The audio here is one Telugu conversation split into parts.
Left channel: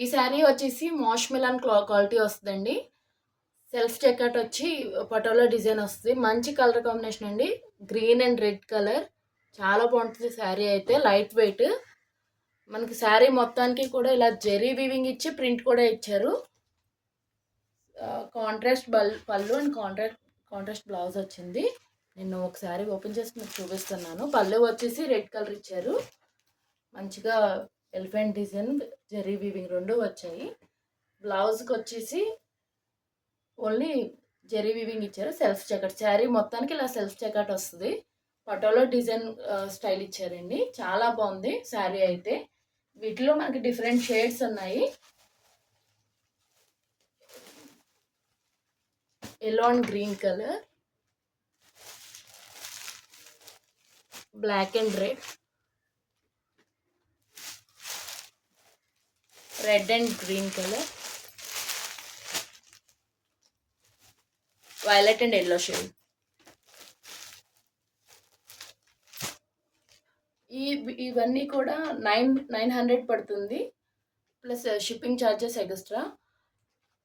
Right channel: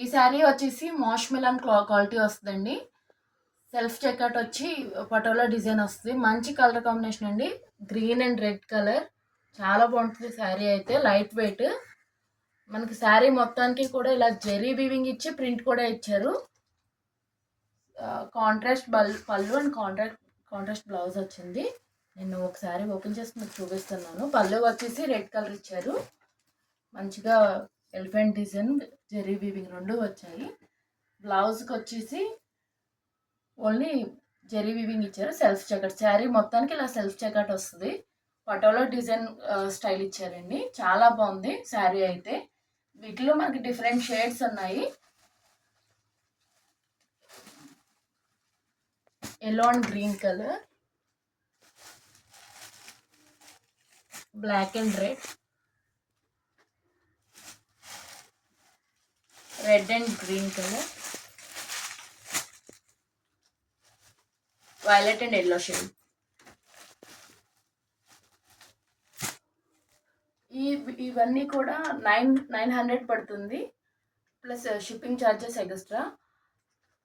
ఈ శారీ వచ్చేసి మాష్ మిలన్ క్వాలిటీ వస్తుందండి. సెల్ఫ్ చెకట్ వచ్చి పటోలా డిజైన్ వస్తుంది. మంచి కలర్ కాంబినేషన్ అండి. గ్రీన్ అండ్ రెడ్ కలర్ చాలా బాగుంటుంది శారీ అయితే. Light weight. మనకి శారీ మొత్తానికి కూడా ఇలా జెరీ వీవింగ్ ఇచ్చి ప్రింట్ కూడా ఇచ్చారు. కాంట్రాస్ట్ పళ్ళు అండ్ కాంట్రాస్ట్ బ్లౌజ్ వచ్చింది. నేను ఒకసారి ఓపెన్ చేసి మీకు చూపిస్తున్నాను. పళ్ళు వచ్చేసి రెడ్ కలర్ ఇచ్చారు. మంచిగా ఎలిఫెంట్ డిజైన్ జెరీ వీవింగ్ రెండు వచ్చాయి. బ్లౌజ్కి వచ్చేసి ఓన్లీ జెరీ వీవింగ్ ఇచ్చారు. సెల్ఫ్ చెకట్ శారీ మొత్తానికి ఇలా సెల్ఫ్ చెకట్ వస్తుంది. పటోలో డిజైన్ స్టైల్ ఇచ్చారండి. చాలా బాగుంది శారీ అయితే. వీటిలో మనకి డిఫరెంట్ షేడ్స్ ఉన్నాయి. yellow and green color, black and red and green color, violet and yellow shade. ఇవన్నీ కూడా 900 పడుతుంది ప్లస్ షిప్పింగ్ ఛార్జెస్ ఎక్స్ట్రా.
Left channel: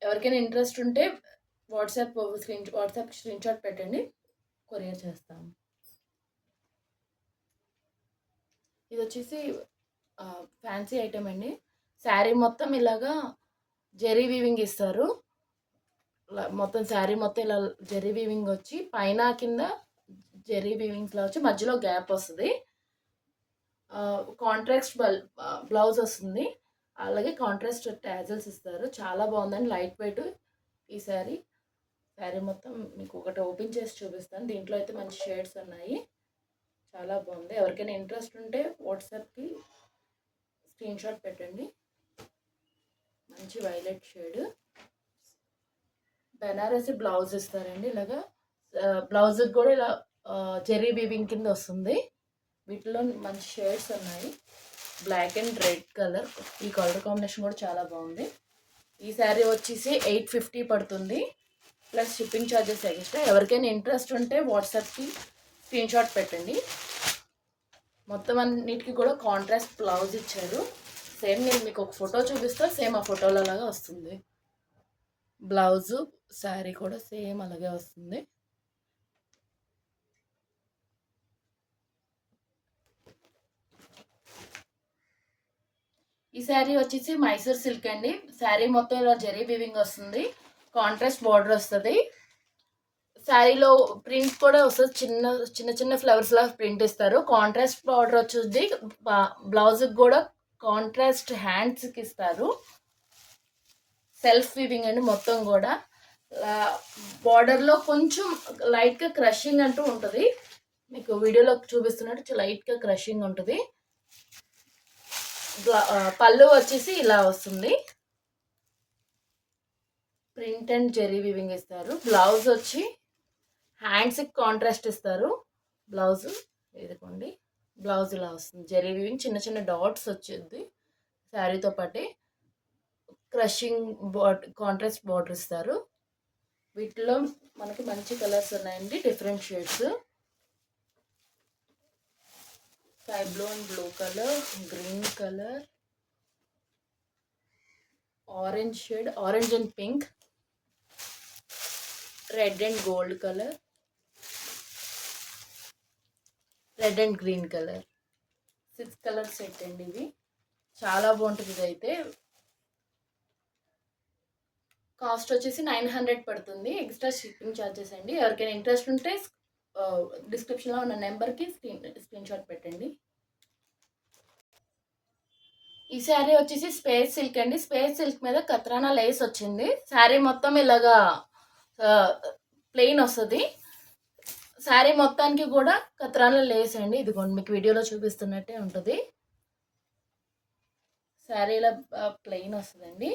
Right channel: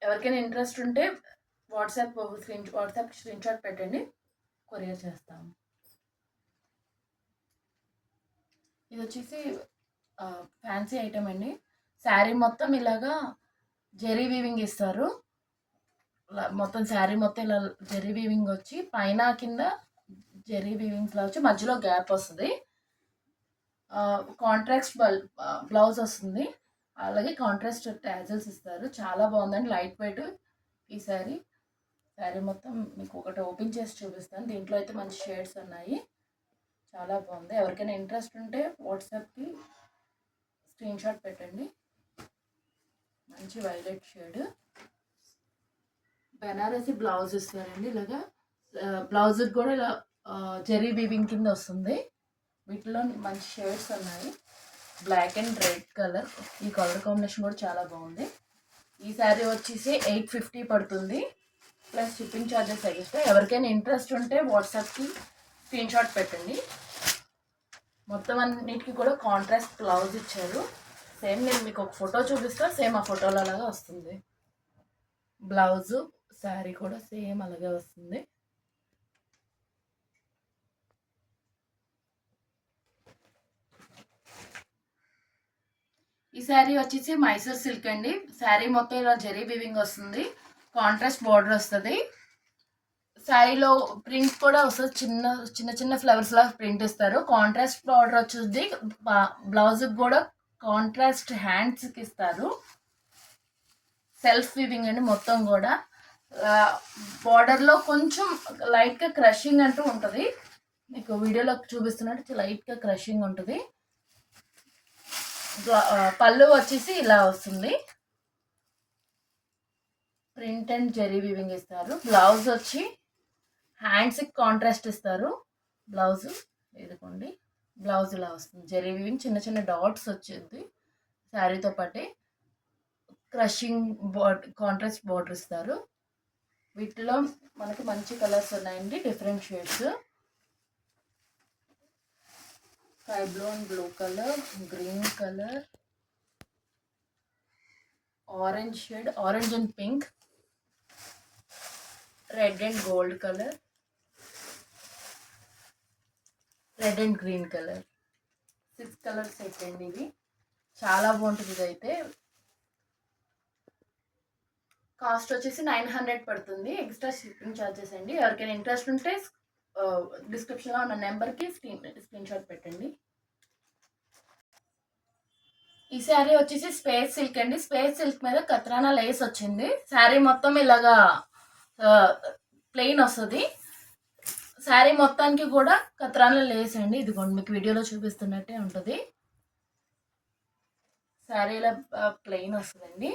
ఎవరికైనా ఇంట్రెస్ట్ ఉంటే వాట్సాప్ స్క్రీన్ షాట్ పెట్టండి, కొరియర్ చేస్తాము. ఇది వచ్చేసి ఫ్యాన్సీ ఐటమ్ అండి. శారీ మొత్తం ఇలాగా జెరీ వీవింగ్ ఇస్తారు. మొత్తం శారీ మొత్తం ఇలా జెరీ వీవింగ్ వచ్చి పైన కింద జెరీ వీవింగ్స్లో వచ్చి మధ్యలో గ్యాప్ వస్తుంది. కాంట్రాస్ట్ బ్లౌజ్ వస్తుంది. అలాగే కాంట్రాస్ట్ ట్యాజల్స్ ఇస్తారు. చాలా బాగుందండి, లైట్ వెయిట్. ఈ శారీ మొత్తం మీకు ఒకటి ఓపెన్ చేసి చూపిస్తాను. దీంట్లో అయితే మంచి షేడ్స్ ఉన్నాయి. చాలా బాగుంది. ఎవరికైనా ఇంట్రెస్ట్ ఉంటే వాట్సాప్కి స్క్రీన్ షాట్ పెట్టండి. మంచి వైలెట్ షేడ్. బెనారసి బ్లౌజ్ ఇస్తారండి. ఇలాగా బ్లౌజ్కి కూడా ఇలా జెరీ వీవింగ్ కింద వస్తుంది. వీటిలో మంచి షేడ్స్ ఉన్నాయి. Black and red colour. ఈ కలర్ కాంబినేషన్ కూడా చాలా బాగుంది. ఈ శారీ వచ్చేసి 850 పడుతుంది ప్లస్ షిప్పింగ్ ఛార్జెస్ ఎక్స్ట్రా. ఎవరికైనా ఇంట్రెస్ట్ ఉంటే వాట్సాప్కి స్క్రీన్ షాట్ పెట్టండి. మొత్తం అన్నిటికీ కూడా కాంట్రాస్ట్ బ్లౌజ్ ఇచ్చారు. సేమ్ నేను మీకు ఒక ఫోటో చూపిస్తా, సేమ్ ఆ ఫోటోలో అలాగా వస్తుంది. బ్లౌజు శారీ కూడా సేమ్ అలాగే వస్తుంది. ఈ శారీ వచ్చేసి మైసూర్ సిల్క్ అండి. శారీ మొత్తం ఇలా జెరీ వీవింగ్ వస్తుంది. కాంట్రాస్ట్ బార్డర్ వస్తుంది. శారీలో ప్రింట్ కూడా వస్తుంది. చిన్న చిన్న ఫ్లవర్స్ లా ప్రింట్ ఇస్తారు. కాంట్రాస్ట్ బార్డర్ వచ్చేది. బ్లౌజ్కి కూడా కాంట్రాస్ట్ హ్యాండ్స్కి ఇస్తారు. సెల్ఫ్ వీవింగ్ అండి మొత్తం కూడా. బార్డర్లో కొంచెం లైట్గా క్రషింగ్ అంటూ ఉంటుంది. మీకు వీడియోలో చూపిస్తున్నట్టు లైట్గా క్రషింగ్ ఉంటుంది. పళ్ళు వచ్చేసి ఇలా వస్తుంది. ప్రింట్ అండ్ జెరీ వీవింగ్ ఇస్తారు. బ్లౌజ్ వచ్చి హ్యాండ్స్కి కాంట్రాస్ట్ ఇస్తారు. బ్లౌజ్ ఇదిగోండి, బ్లౌజ్ ఇలా వస్తుంది. జెరీ వీవింగ్ చిన్న చిన్న డాట్స్ వచ్చింది. శారీతో పాటే క్రషింగ్ కాంట్రాస్ట్ బార్డర్ ఇస్తారు. వీటిలో మనకి మంచి కలర్స్ ఉన్నాయండి, different shades. Sky blue and blue colour, green colour, orange shade, orange and pink, red and gold colour, red and green colour. 6 colour set అండి ఇది. చాలా బాగుంటుంది. ఇది అయితే కాస్ట్ వచ్చేసి 900 పడుతుంది ఎక్స్ట్రా షిప్పింగ్ ఛార్జెస్ అండి. ఎవరికైనా ఇంట్రెస్ట్ ఉంటే డిస్క్రిప్షన్లో ఉన్న నెంబర్కి స్క్రీన్ షాట్ పెట్టండి. ఈ శారీ వచ్చేసి స్పేస్ సిల్క్ అండి. స్పేస్ సిల్క్ మీద కత్రానా లేస్ వచ్చింది. శారీ మొత్తం ఇలాగా ప్లెయిన్ వస్తుంది. శారీ మొత్తానికి కూడా కత్రానా లేస్ అండి. ఇదిగోండి మీకు వీడియోలో చూపిస్తున్నట్టే ఉంటుంది. శారీ ఇలా ప్లెయిన్ వస్తుందండి.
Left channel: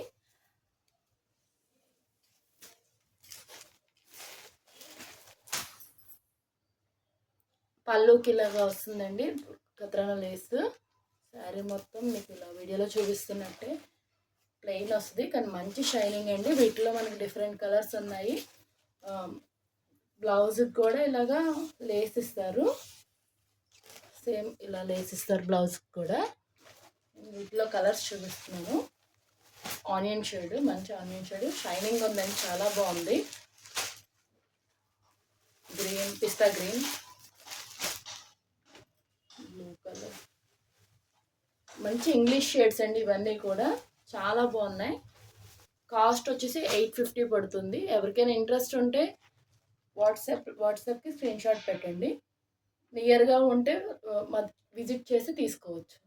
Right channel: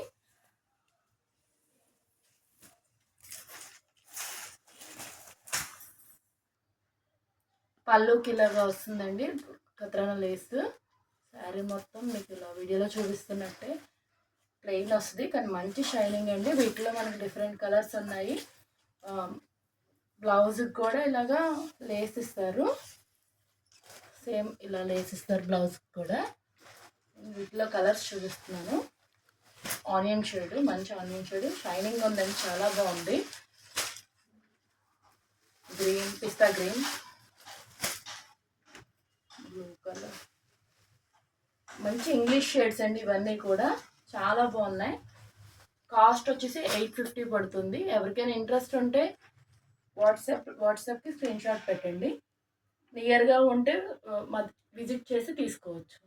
పళ్ళుకి ఇలాగా వస్తుందండి కత్రానా లేస్. శారీ మొత్తం మీకు ఇలా వీడియోలో చూపిస్తున్నట్టే ప్లెయిన్ వస్తుంది, కానీ మంచి షైనింగ్ అండి. వీటిలో మనకి డిఫరెంట్ కలర్స్ ఉన్నాయి. బ్లౌజ్కి కూడా ఇలాగా లేస్ ఇస్తారు. సేమ్ ఇలా లేస్ ఇస్తారు బ్లౌజ్కి కూడా. వీటిలో కలర్స్ చూపిస్తున్నాను. ఆనియన్ షేడ్, మంచి ఆనియన్ షేడ్, షైనింగ్ ఉందండి, చాలా బాగుంది. గ్రీన్, పిస్తా గ్రీన్, బ్లూ కలర్, మంచి ఇంగ్లీష్ షేడ్స్ అండి ఇవన్నీ కూడా, చాలా బాగున్నాయి. కాస్ట్ వచ్చేసి 850 పడుతుంది. ఎవరికైనా ఇంట్రెస్ట్ ఉంటే వాట్సాప్కి స్క్రీన్ షాట్ పెట్టండి. నియర్గా ఉంటే విజిట్ చేసి తీసుకోవచ్చు.